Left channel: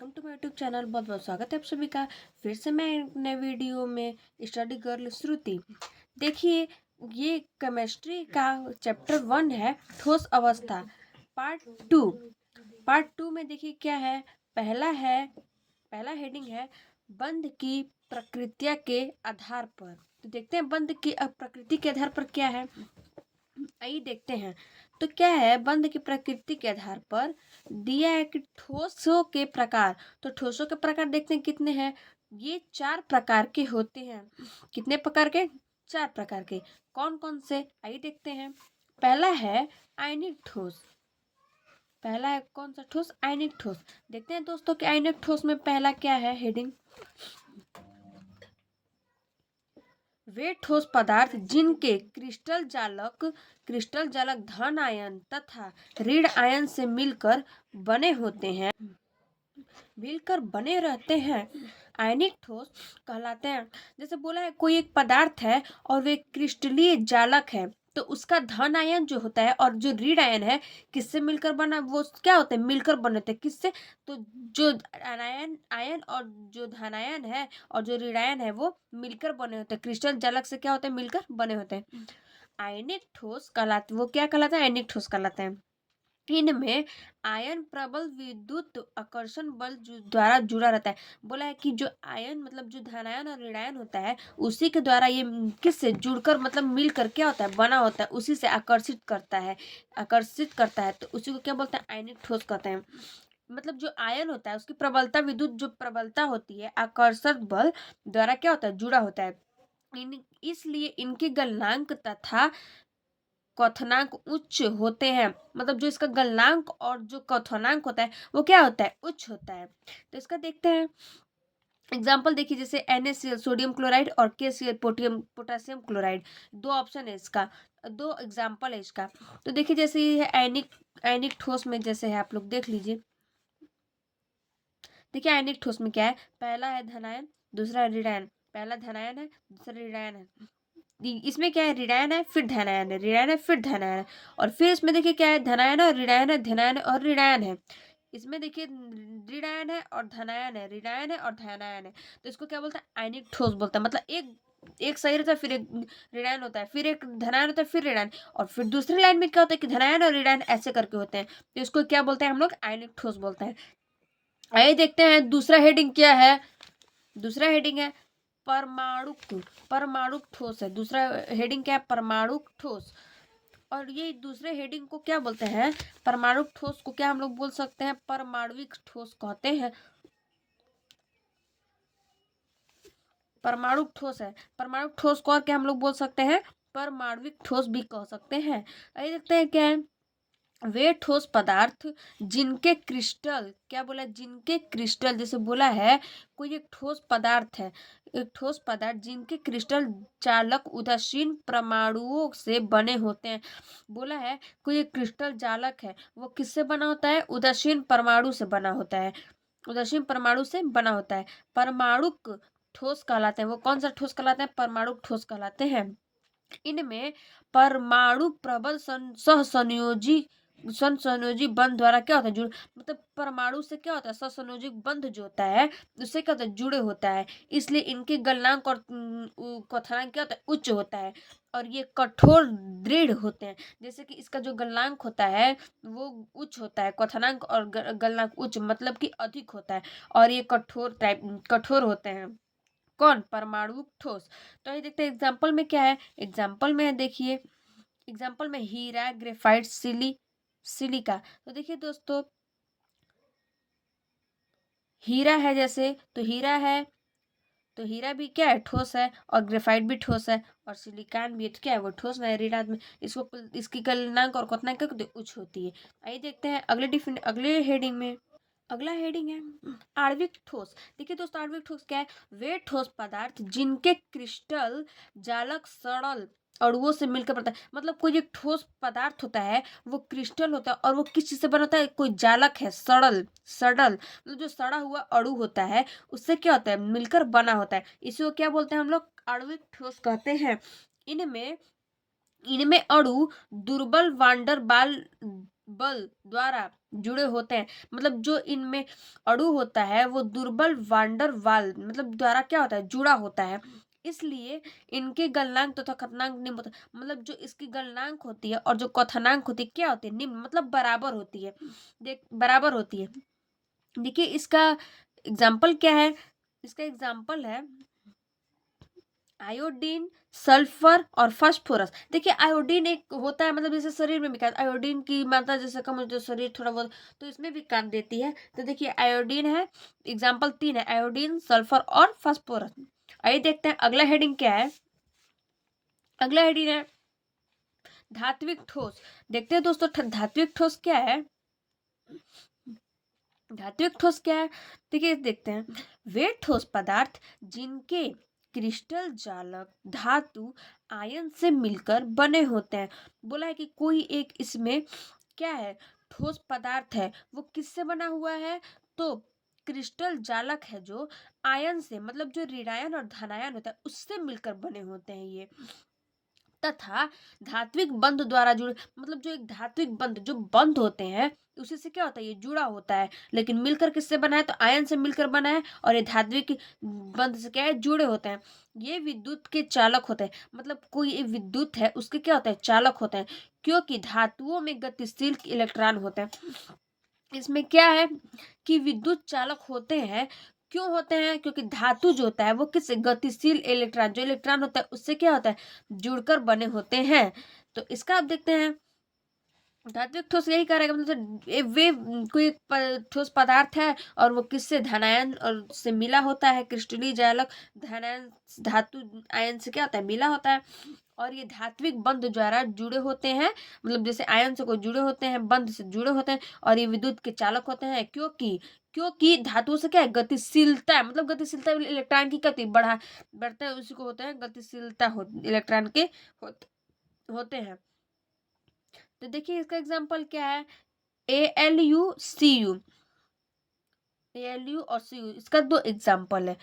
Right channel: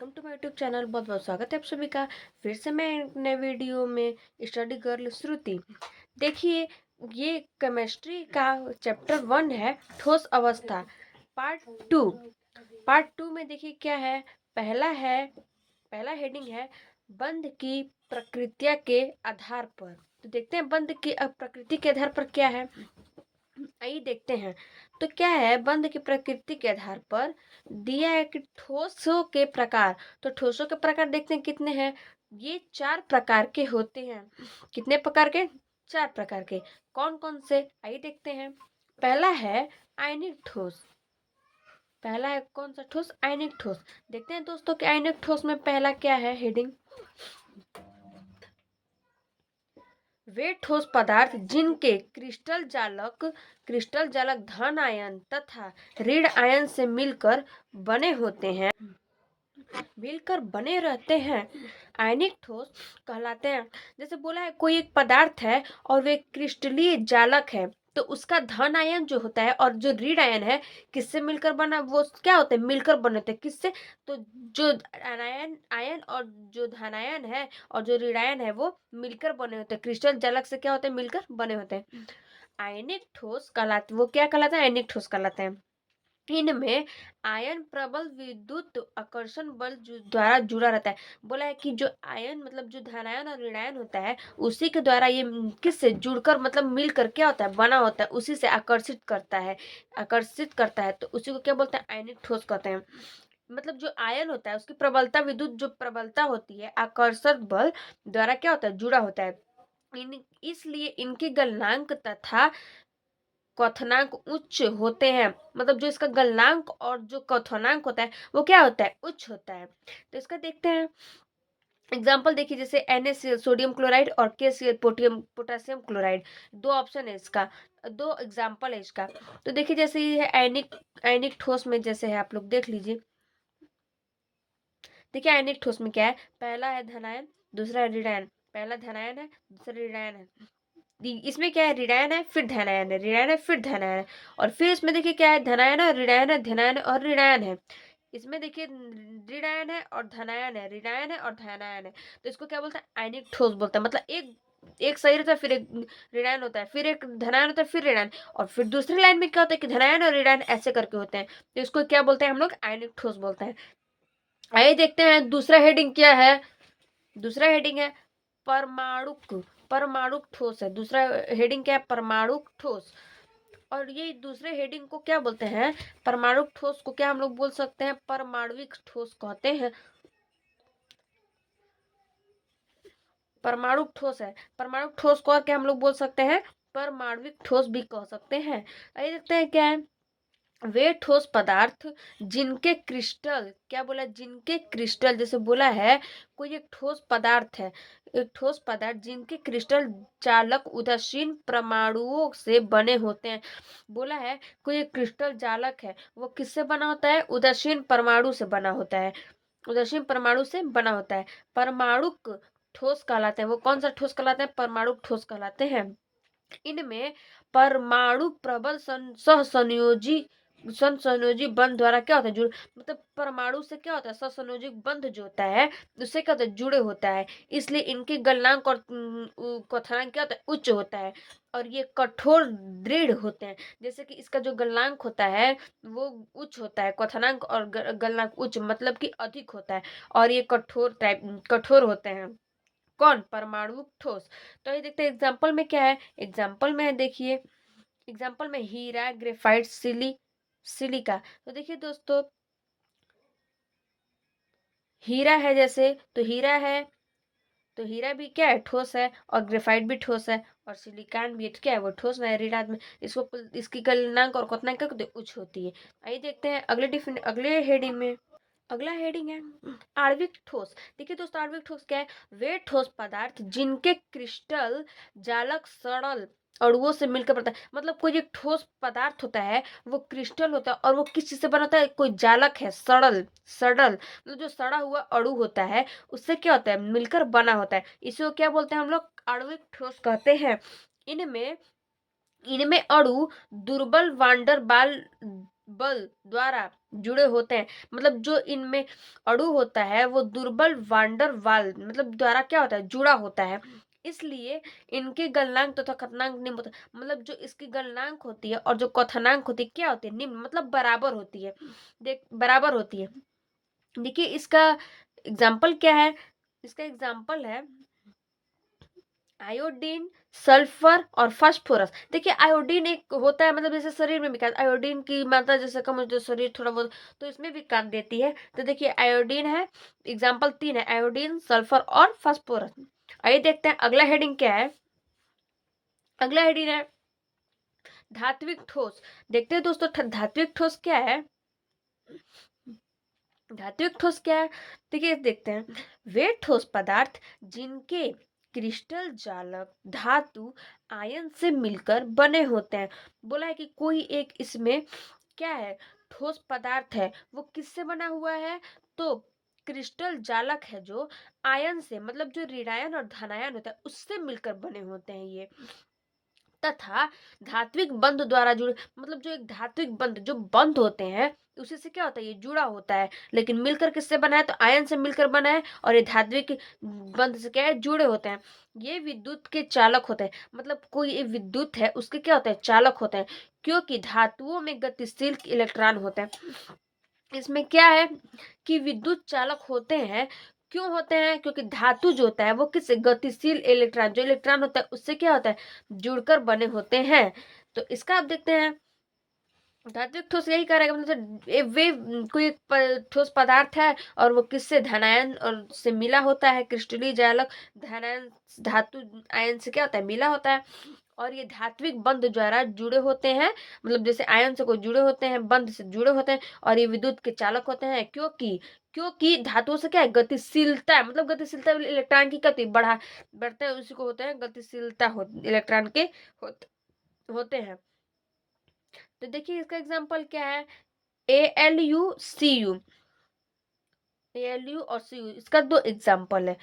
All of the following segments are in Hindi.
Welcome to my YouTube channel. बहुत बहुत स्वागत है आप सभी का फिर से मैं एक नए वीडियो में। स्टडी गर्ल श्रुति, देखिए ये केमिस्ट्री का चैप्टर 1 है, ठोस अवस्था। पार्ट 2 में देखिए क्या है। पहला हेडिंग है बंध की प्रकृतिया के आधार पर। तो देखते हैं बंध की प्रकृति के आधार पर क्या है, आइए देखते हैं। तो क्या है, बंध की प्रकृति के आधार पर दिया है कि ठोसों के प्रकार। तो ठोसों के प्रकार देखते हैं कितने हैं। ये 4 प्रकार के होते हैं। कितने प्रकार के? 4 प्रकार के। कौन कौन से, आइए देखते हैं। पहला है आयनिक ठोस। पहला है कौन सा ठोस? आयनिक ठोस। देखते हैं दोस्तों कि आयनिक ठोस में पहला क्या है हेडिंग। वे ठोस पदार्थ जिनके क्रिस्टल जालक धन आयन तथा ऋण आयन से मिलकर बने होते हैं, मिलकर बने रहते हैं, आयनिक ठोस कहलाते हैं। जैसे बोला है कोई एक पदार्थ है और वे क्रिस्टलीय जालक है, तो उसका धन आयन जो होता है और जो ऋण आयन है किससे मिलकर बना, वो क्या होते हैं? मिलकर बने होते हैं। किससे? तो जो आयन आयन और जो धन आयन है और जो ऋण आयन है वो मिलकर बने होते हैं। क्रिस्टल जालक से क्या होते हैं? मिलकर बने होते हैं। आयनिक ठोस कहलाते, वो क्या कहलाता है? आयनिक ठोस कहलाते हैं। इनमें आयन प्रबल विद्युत आकर्षण बल द्वारा जुड़ा रहता है। बोला है कि जो आयन मतलब जो धनायन और ऋणायन होता है उसी के द्वारा ये किससे जुड़कर मतलब मिलकर क्या होता है? बना होता है, उसी से आकर्षित करता है। तो उसी को क्या बोलते हैं? आयनिक ठोस कहते हैं। मतलब जो आयन होता है उसकी प्रबलता, विद्युत जो प्रबलता होती है आकर्षक बल द्वारा क्या होता है? जुड़ा होता है। इसलिए इनकी गलनांक तथा क्वथनांक उच्च होते हैं। मतलब जो इसका गलनांक और जो क्वथनांक होता है वो क्या होता है? उच्च होता है। तो इसका देखते हैं एग्जाम्पल। देखिए जैसे NaCl सोडियम क्लोराइड और KCl पोटेशियम क्लोराइड। दो ऑप्शन है इसका, दो एग्जाम्पल है इसका। तो देखिए जैसे ये है आयनिक ठोस में, जैसे है आप लोग देख लीजिए। देखिए आयनिक ठोस में क्या है, पहला है धनायन, दूसरा है ऋणायन। पहला धनायन है, दूसरा ऋणायन है। इसमें क्या है? ऋणायन है फिर धनायन है, ऋणायन है फिर धनायन है। और फिर इसमें देखिए क्या है, धनायन है, ऋणायन है, धनायन है और ऋणायन है। इसमें देखिए ऋणायन है और धनायन है, ऋणायन है और धनायन है। तो इसको क्या बोलते हैं? आयनिक ठोस बोलते हैं। मतलब एक एक सही रहता है, फिर एक ऋणायन होता है, फिर एक धनायन होता है, फिर ऋणायन। और फिर दूसरी लाइन में क्या होता है कि धनायन और ऋणायन ऐसे करके होते हैं। तो इसको क्या बोलते हैं हम लोग? आयनिक ठोस बोलते हैं। आइए देखते हैं दूसरा हेडिंग क्या है। दूसरा हेडिंग है परमाणु ठोस है। दूसरा हेडिंग क्या है? परमाणु ठोस। और ये दूसरे हेडिंग को क्या बोलते हैं? परमाणु ठोस को क्या हम लोग बोल सकते हैं? परमाणविक ठोस कहते हैं। परमाणु ठोस है। परमाणु ठोस को और क्या हम लोग बोल सकते हैं? परमाणविक ठोस भी कह सकते हैं। आइए देखते हैं क्या है। वे ठोस पदार्थ जिनके क्रिस्टल, क्या बोला? जिनके क्रिस्टल, जैसे बोला है कोई एक ठोस पदार्थ है, एक ठोस पदार्थ जिनके क्रिस्टल चालक उदासीन परमाणुओं से बने होते हैं। बोला है कोई एक क्रिस्टल जालक है, वो किससे बना होता है? उदासीन परमाणु से बना होता है। उदासीन परमाणु से बना होता है। परमाणुक ठोस कहलाते हैं। वो कौन सा ठोस कहलाते हैं? परमाणुक ठोस कहलाते हैं। इनमें परमाणु प्रबल सहसंयोजी संयोजी बंध द्वारा क्या होता है? जुड़, मतलब परमाणु से क्या होता है? सहसंयोजी बंध जो होता है उससे क्या होता है? जुड़े होता है। इसलिए इनकी गलनांक और क्वथनांक क्या होता है? उच्च होता है। और ये कठोर दृढ़ होते हैं। जैसे कि इसका जो गलनांक होता है वो उच्च होता है, क्वथनांक और गलनांक उच्च मतलब कि अधिक होता है। और ये कठोर होते हैं। कौन? परमाणु ठोस। तो ये देखते हैं एग्जाम्पल में क्या है। एग्जाम्पल में है, देखिए एग्जाम्पल में हीरा, ग्रेफाइट, सिलिका। तो देखिए दोस्तों हीरा है, जैसे तो हीरा है, तो हीरा भी क्या है? ठोस है। और ग्रेफाइट भी ठोस है। और सिलिकॉन भी क्या है? वो ठोस है ऋणात्मक में। इसकी गलनांक और क्वथनांक क्या उच्च होती है। आइए देखते हैं अगले हेडिंग में। अगला हेडिंग है आणविक ठोस। देखिए दोस्तों आणविक ठोस क्या है? वे ठोस पदार्थ जिनके क्रिस्टल जालक सरल अणुओं से मिलकर बनता है। मतलब कोई एक ठोस पदार्थ होता है, वो क्रिस्टल होता है और वो किस चीज से बना होता है? कोई जालक है, सड़ल मतलब जो सड़ा हुआ अणु होता है उससे क्या होता है? मिलकर बना होता है। इसी को क्या बोलते हैं हम लोग? आणविक ठोस कहते हैं। इनमें इनमें अणु दुर्बल वांडर बाल बल द्वारा जुड़े होते हैं, मतलब जो इनमें अणु होता है वो दुर्बल वांडर वाल मतलब द्वारा क्या होता है, जुड़ा होता है। इसलिए इनके गलनांक तथा कथनांक निम्न होता है, मतलब जो इसकी गलनांक होती है और जो कथनांक होती है क्या होती है, निम्न मतलब बराबर होती है। बराबर होती है। देखिए इसका एग्जाम्पल क्या है, इसका एग्जाम्पल है आयोडीन, सल्फर और फास्फोरस। देखिए आयोडीन एक होता है, मतलब जैसे शरीर में भी काम, आयोडीन की मात्रा जैसे कम होती है शरीर थोड़ा बहुत, तो इसमें भी काम देती है। तो देखिए आयोडीन है, एग्जाम्पल 3 है, आयोडीन, सल्फर और फास्फोरस। आइए देखते हैं अगला हेडिंग क्या है। अगला हेडिंग है धात्विक ठोस। देखते हैं दोस्तों धात्विक ठोस क्या है। धात्विक ठोस क्या है, देखिए देखते हैं। वे ठोस पदार्थ जिनके क्रिस्टल जालक धातु आयन से मिलकर बने होते हैं। बोला है कि कोई एक इसमें क्या है, ठोस पदार्थ है, वो किससे बना हुआ है, तो क्रिस्टल जालक है जो आयन से, मतलब जो ऋणायन और धनायन होता है उससे मिलकर बने होते हैं ये। तथा धात्विक बंध द्वारा जुड़े, मतलब जो एक धात्विक बंध जो बंध होते हैं उसी से क्या होता है, ये जुड़ा होता है, लेकिन मिलकर किससे बना है, तो आयन से मिलकर बना है, और ये धात्विक बंध से क्या है, जुड़े होते हैं। ये विद्युत के चालक होते हैं, मतलब कोई ये विद्युत है उसके क्या होता है, चालक होते हैं, क्योंकि धातुओं में गतिशील इलेक्ट्रॉन होते हैं। इसमें क्या है कि विद्युत चालक होते हैं, क्यों होते हैं, क्योंकि धातु जो होता है वो किस गतिशील इलेक्ट्रॉन, जो इलेक्ट्रॉन होता है उससे क्या होता है, जुड़कर बने होते हैं। तो इसका आप देखते हैं धात्विक ठोस यही कह रहा है कि मतलब वे कोई एक ठोस पदार्थ है और वो किससे धनायन और से मिला होता है, क्रिस्टलीय जालक धनायन धातु आयन से क्या होता है, मिला होता है, और ये धात्विक बंध द्वारा जुड़े होते हैं, मतलब जैसे आयन से कोई जुड़े होते हैं, बंध से जुड़े होते हैं, और ये विद्युत के चालक होते हैं, क्योंकि धातुओं से क्या है, गतिशीलता है, मतलब गतिशीलता इलेक्ट्रॉन की गति बढ़ते हैं उसी को होते हैं गतिशीलता इलेक्ट्रॉन के होते हैं। तो देखिए इसका एग्जाम्पल क्या है, ALU और CU, इसका 2 एग्जाम्पल है।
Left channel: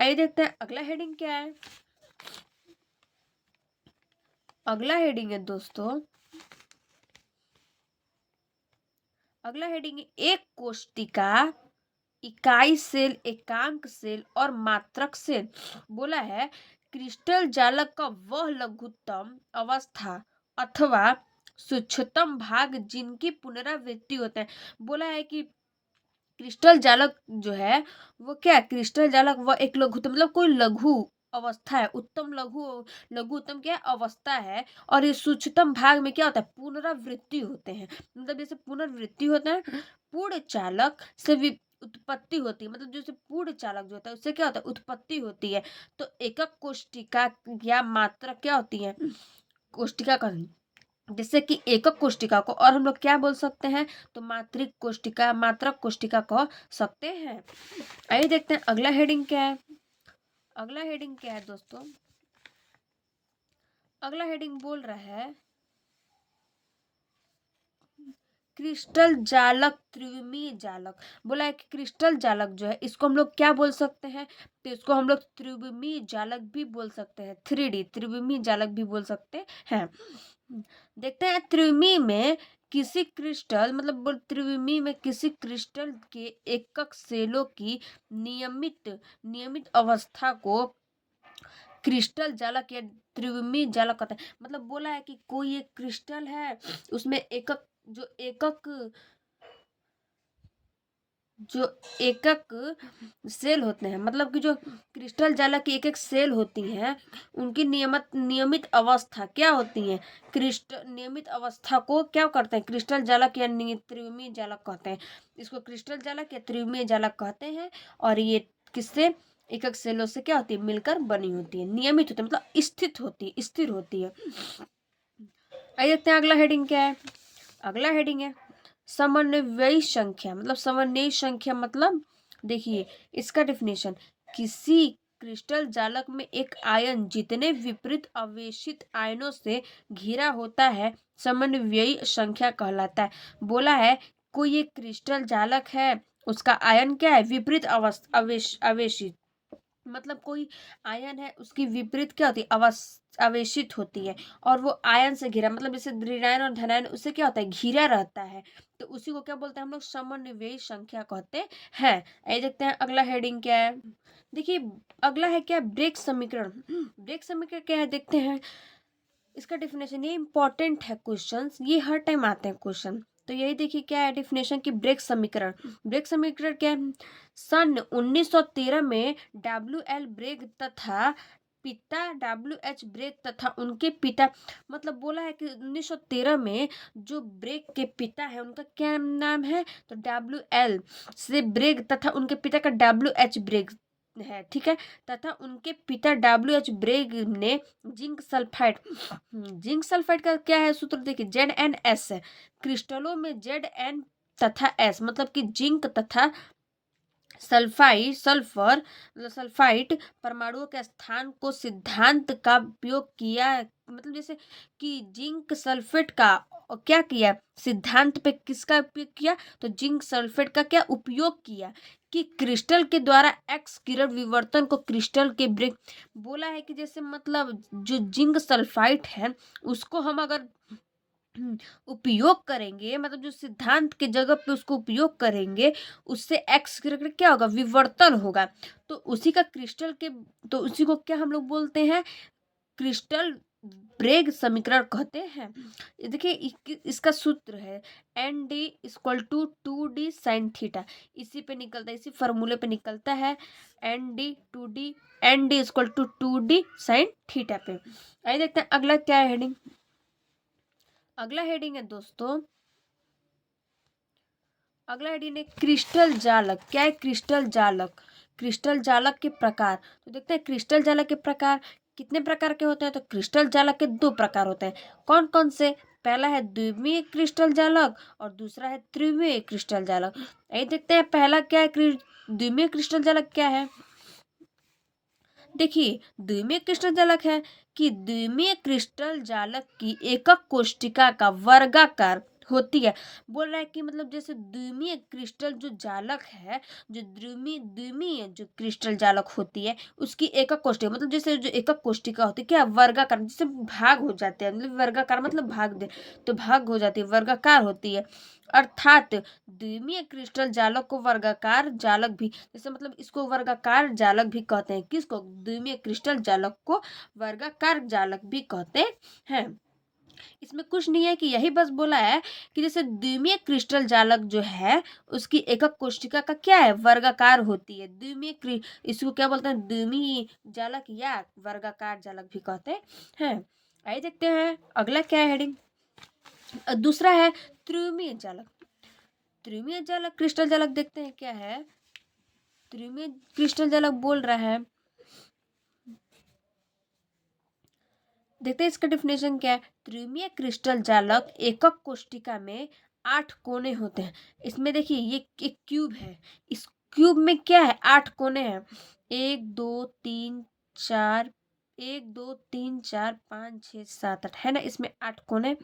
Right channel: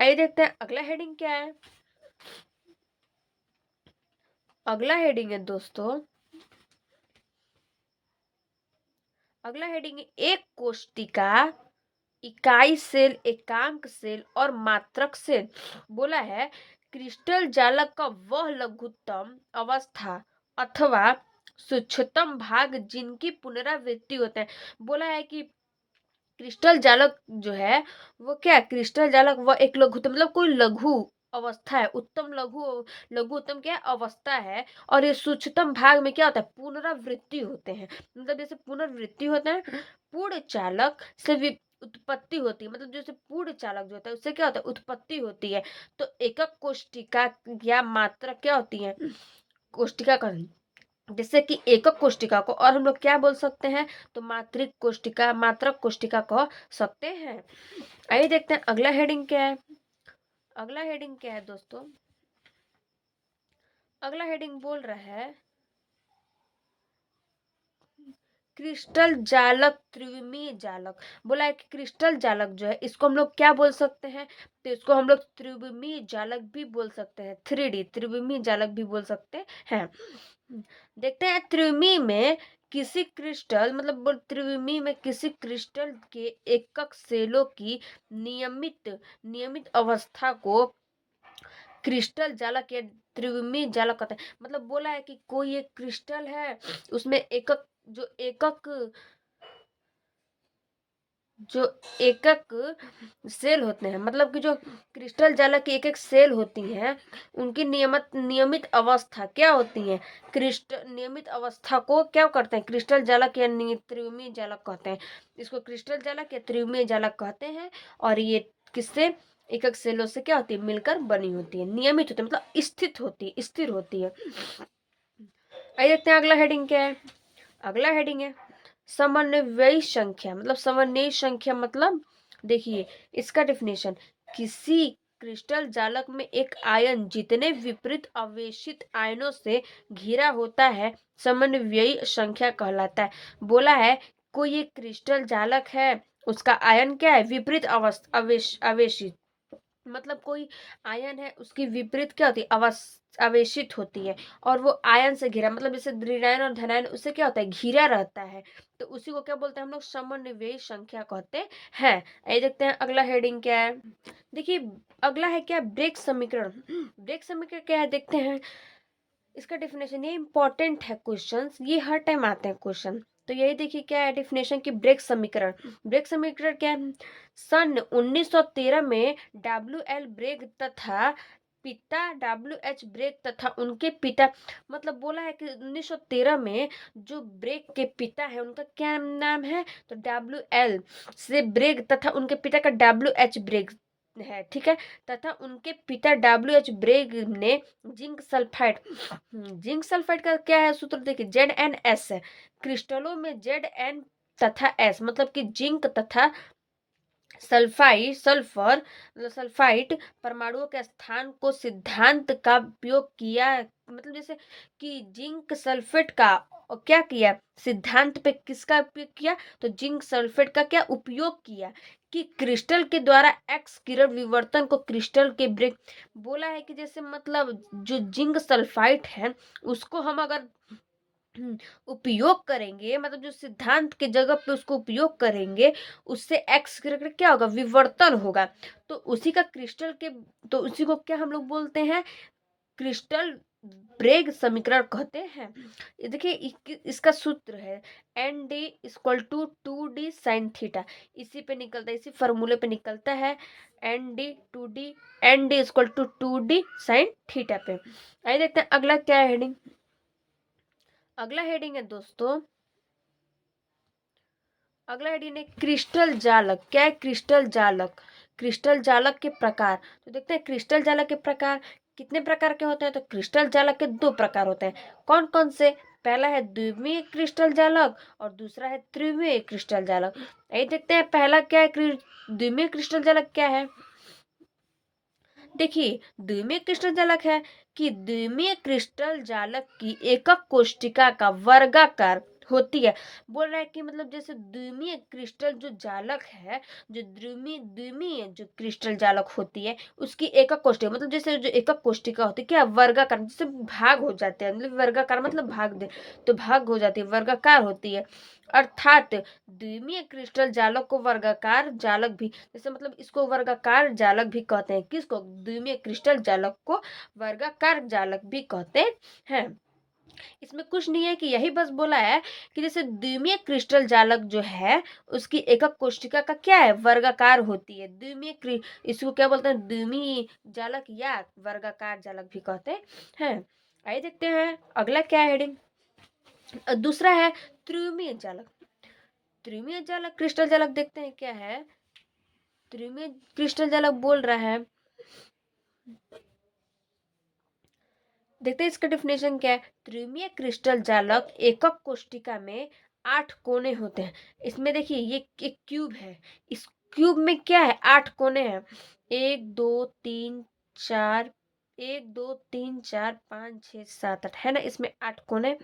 आइए देखते हैं अगला हेडिंग क्या है। अगला हेडिंग है दोस्तों, अगला हेडिंग है एक कोष्टिका, इकाई सेल, एकांक सेल और मात्रक सेल। बोला है क्रिस्टल जालक का वह लघुत्तम अवस्था अथवा सूक्ष्मतम भाग जिनकी पुनरावृत्ति होते हैं। बोला है कि क्रिस्टल जालक जो है वो क्या, क्रिस्टल जालक वह एक लघुत्तम, मतलब कोई लघु अवस्था है, उत्तम लघु, लघु उत्तम क्या है, अवस्था है, और ये सूक्ष्मतम भाग में क्या होता है, पुनरावृत्ति होते हैं, मतलब जैसे पुनरावृत्ति होते हैं। पूर्ण चालक से उत्पत्ति होती है, मतलब जैसे पूर्ण चालक जो होता है उससे क्या होता है, उत्पत्ति होती है। तो एकक कोष्टिका या मात्रा क्या होती है, कोष्टिका का, जैसे कि एकक कोष्टिका को और हम लोग क्या बोल सकते हैं, तो मात्रिक कोष्टिका, मात्रक कोष्टिका कह सकते हैं। आइए देखते हैं अगला हेडिंग क्या है। अगला हेडिंग क्या है दोस्तों, अगला हेडिंग बोल रहा है क्रिस्टल जालक, त्रिविमीय जालक। बोला है कि क्रिस्टल जालक जो है इसको हम लोग क्या बोल सकते हैं, तो इसको हम लोग त्रिविमीय जालक भी बोल सकते हैं, 3D त्रिविमीय जालक भी बोल सकते हैं। देखते हैं त्रिविमीय में किसी क्रिस्टल, मतलब त्रिविमीय में किसी क्रिस्टल के एकक सेलों की नियमित अवस्था को क्रिस्टल जालक या त्रिविमीय जालक कहते हैं। मतलब बोला है कि कोई एक क्रिस्टल है उसमें जो एकक सेल होते हैं, मतलब कि जो क्रिस्टल जालक की एक एक सेल होती हैं उनकी नियमित अवस्था क्या होती है, क्रिस्टल नियमित अवस्था को क्या करते हैं, क्रिस्टल जालक या त्रिविमीय जालक कहते हैं। इसको क्रिस्टल जालक या त्रिविमीय जालक कहते हैं, और ये किससे, एकक सेलों से क्या होती है, मिलकर बनी होती है, नियमित होती है, मतलब स्थिर होती है। आइए देखते हैं अगला हेडिंग क्या है। अगला हेडिंग है समन्वयी संख्या, मतलब समन्वयी संख्या मतलब देखिए इसका डेफिनेशन, किसी क्रिस्टल जालक में एक आयन जितने विपरीत आवेशित आयनों से घिरा होता है समन्वयी संख्या कहलाता है। बोला है कोई एक क्रिस्टल जालक है उसका आयन क्या है, विपरीत आवेशित, मतलब कोई आयन है उसकी विपरीत क्या होती है, आवेशित होती है, और वो आयन से घिरा, मतलब जैसे ऋणायन और धनायन उससे क्या होता है, घिरा रहता है। तो उसी को क्या बोलते हैं हम लोग, समन्वयी संख्या कहते हैं। ये देखते हैं अगला हेडिंग क्या है। देखिए अगला है क्या, ब्रेक समीकरण। ब्रेक समीकरण क्या है देखते हैं इसका डेफिनेशन। ये इंपॉर्टेंट है क्वेश्चन, ये हर टाइम आते हैं क्वेश्चन। तो यही देखिए क्या है डेफिनेशन की, ब्रेक समीकरण। ब्रेक समीकरण क्या है, सन 1913 में डब्ल्यू एल ब्रेग तथा पिता डब्ल्यू एच ब्रेग तथा उनके पिता, मतलब बोला है कि 1913 में जो ब्रेग के पिता है उनका क्या नाम है, तो डब्ल्यू एल से ब्रेग तथा उनके पिता का डब्ल्यू एच ब्रेग है, ठीक है। तथा उनके पिता डब्ल्यू एच ब्रेग ने जिंक सल्फाइड, जिंक सल्फाइड का क्या है सूत्र देखिए, Zn(S) है। क्रिस्टलों में Zn तथा S, मतलब कि जिंक तथा सल्फर सल्फाइड परमाणुओं के स्थान को सिद्धांत का उपयोग किया, मतलब जैसे कि जिंक सल्फेट का क्या किया, सिद्धांत पे किसका उपयोग किया, तो जिंक सल्फेट का क्या उपयोग किया कि क्रिस्टल के द्वारा एक्स किरण विवर्तन को क्रिस्टल के ब्रेक, बोला है कि जैसे मतलब जो जिंक सल्फाइड है उसको हम अगर उपयोग करेंगे, मतलब जो सिद्धांत के जगह पे उसको उपयोग करेंगे, उससे एक्स करके क्या होगा, विवर्तन होगा। तो उसी का क्रिस्टल के, तो उसी को क्या हम लोग बोलते हैं, क्रिस्टल ब्रेग समीकरण कहते हैं। ये देखिए इसका सूत्र है ND = 2D इसी पे निकलता है, इसी फॉर्मूले पे निकलता है, ND = 2D पे। आइए देखते हैं अगला क्या है हेडिंग। अगला हेडिंग है दोस्तों, अगला हेडिंग है क्रिस्टल जालक। क्या है क्रिस्टल जालक, क्रिस्टल जालक के प्रकार। तो देखते हैं क्रिस्टल जालक के प्रकार कितने प्रकार के होते हैं, तो क्रिस्टल जालक के दो प्रकार होते हैं। कौन कौन से, पहला है द्विमीय क्रिस्टल जालक और दूसरा है त्रिमीय क्रिस्टल जालक। यही देखते हैं पहला क्या है, द्विमीय क्रिस्टल जालक क्या है। देखिए द्विमीय क्रिस्टल जालक है कि द्विमीय क्रिस्टल जालक की एकक कोशिका का वर्गाकार होती है। बोल रहा है कि मतलब जैसे द्विमीय क्रिस्टल जो जालक है, जो द्विमीय जो क्रिस्टल जालक होती है उसकी एकक कोशिका, मतलब जैसे जो एकक कोशिका होती है क्या, वर्गाकार, जैसे भाग हो जाते हैं, मतलब वर्गाकार मतलब भाग दे, तो भाग हो जाती है, वर्गाकार होती है। अर्थात द्विमीय क्रिस्टल जालक को वर्गाकार जालक भी, जैसे मतलब इसको वर्गाकार जालक भी कहते हैं, किसको, द्विमीय क्रिस्टल जालक को वर्गाकार जालक भी कहते हैं। इसमें कुछ नहीं है कि यही बस बोला है कि जैसे द्विमीय क्रिस्टल जालक जो है उसकी एकक कोशिका का क्या है, वर्गाकार होती है। इसको क्या बोलते हैं, द्विमीय जालक या वर्गाकार जालक भी कहते हैं। आइए देखते हैं अगला क्या है हेडिंग। दूसरा है त्रिमीय जालक। त्रिमीय जालक क्रिस्टल जालक देखते हैं क्या है। त्रिमीय क्रिस्टल जालक बोल रहा है, देखते हैं इसका डेफिनेशन क्या है। त्रिमीय क्रिस्टल जालक एकक कोशिका में 8 कोने होते हैं। इसमें देखिए ये एक क्यूब है, इस क्यूब में क्या है, 8 कोने हैं, 1 2 3 4, 1 2 3 4 5 6 7 8 है ना, इसमें 8 कोने।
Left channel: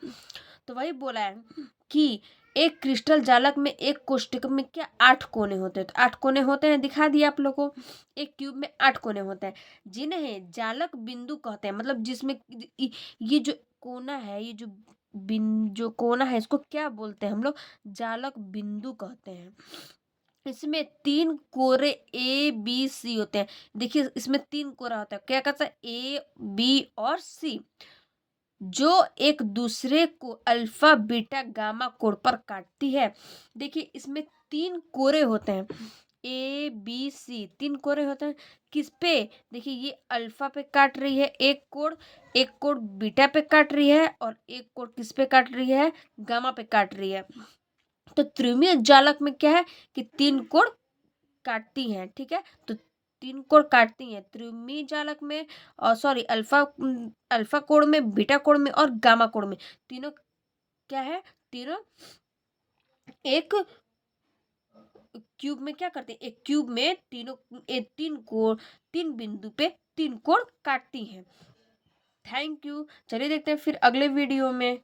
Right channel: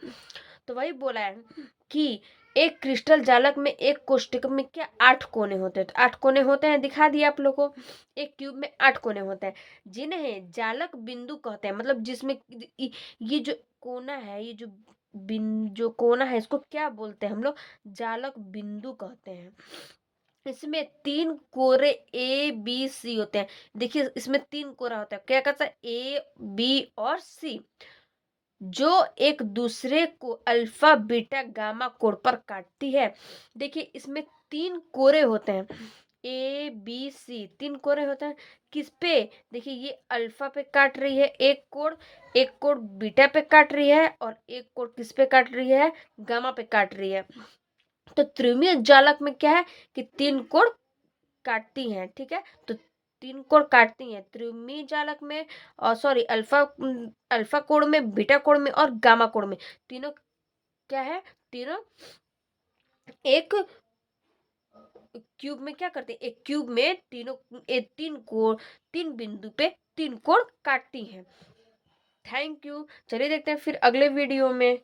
तो वही बोला है कि एक क्रिस्टल जालक में एक कोष्टक में क्या 8 कोने होते हैं, तो 8 कोने होते हैं, दिखा दिया आप लोगों को। एक क्यूब में 8 कोने होते हैं जिन्हें जालक बिंदु कहते हैं, मतलब जिसमें ये जो कोना है, ये जो कोना है इसको क्या बोलते हैं हम लोग, जालक बिंदु कहते हैं। इसमें 3 कोरे A B C होते हैं। देखिए इसमें 3 कोरा होता है, क्या कहता है, A B और C, जो एक दूसरे को अल्फा बीटा गामा कोण पर काटती है। देखिए इसमें 3 कोरे होते हैं, A B C 3 कोरे होते हैं, किस पे, देखिए ये अल्फा पे काट रही है एक कोण बीटा पे काट रही है, और एक कोण किस पे काट रही है, गामा पे काट रही है। तो त्रिमीय जालक में क्या है कि 3 कोण काटती हैं, ठीक है। तो 3 कोण काटती हैं त्रिमीय जालक में, और सॉरी अल्फा कोण में, बीटा कोण में और गामा कोण में, तीनों क्या है, तीनों एक क्यूब में क्या करते हैं, एक क्यूब में तीनों 3 कोण, 3 बिंदु पे 3 कोण काटती हैं। थैंक यू, चलिए देखते हैं फिर अगले वीडियो में।